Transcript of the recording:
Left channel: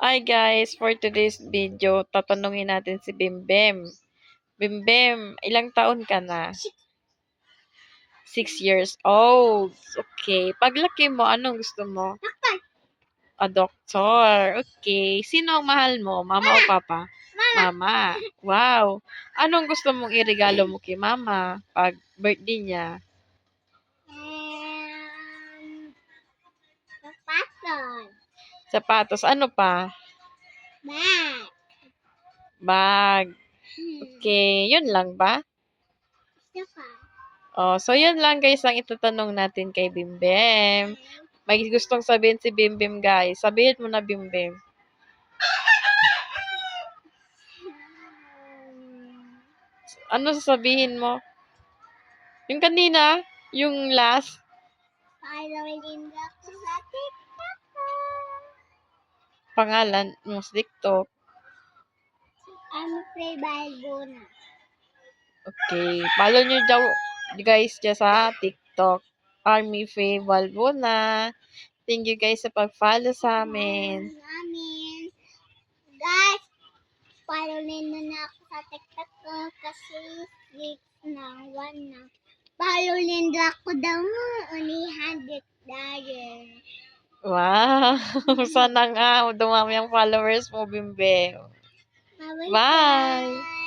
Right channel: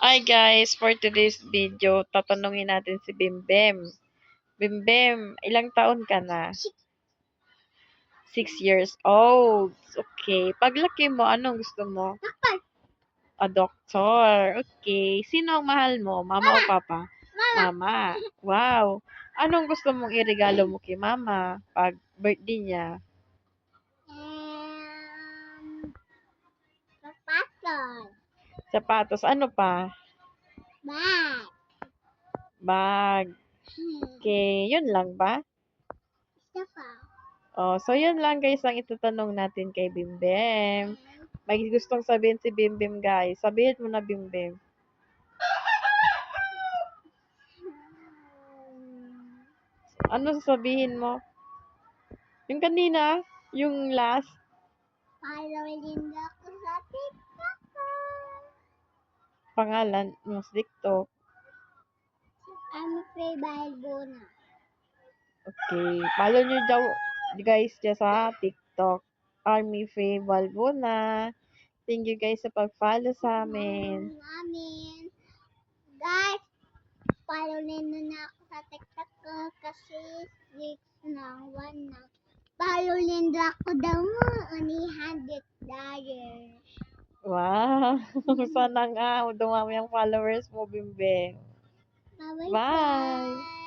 Hi guys, for today's video, tatanungin natin si Bimbem. Bimbem, ilang taon ka na? 6 years old. Okay. Paglaki mo, anong gusto mo? Doktor. Okay. Sino ang mahal mo? Mama o papa? Mama. Wow. Anong gusto mong iregalo mo kay mama pag birthday niya? Sapatos. Sapatos. Ano pa? Bag. Bag. Okay. Yun lang ba? Isa pa. Oh, so yun lang guys ang itatanong natin kay Bimbem. May gustong sabihin si Bimbem guys. Sabihin mo na Bimbem. Ano sasabihin mo? Yung kanina, yung last Following ako sa TikTok ko. pangalan mo sa TikTok. I'm Free Balbona. Okay. Follow nyo daw guys dyan sa TikTok. Army Faye Balbona. Thank you guys sa pag-follow sa amin. Guys, follow nyo na ako sa TikTok ko kasi 6 na 1 na. Follow nyo ako daw mo. Only $100. Wow. Sana nga dumami ang followers mo, Bimbem. Bye-bye. Bye.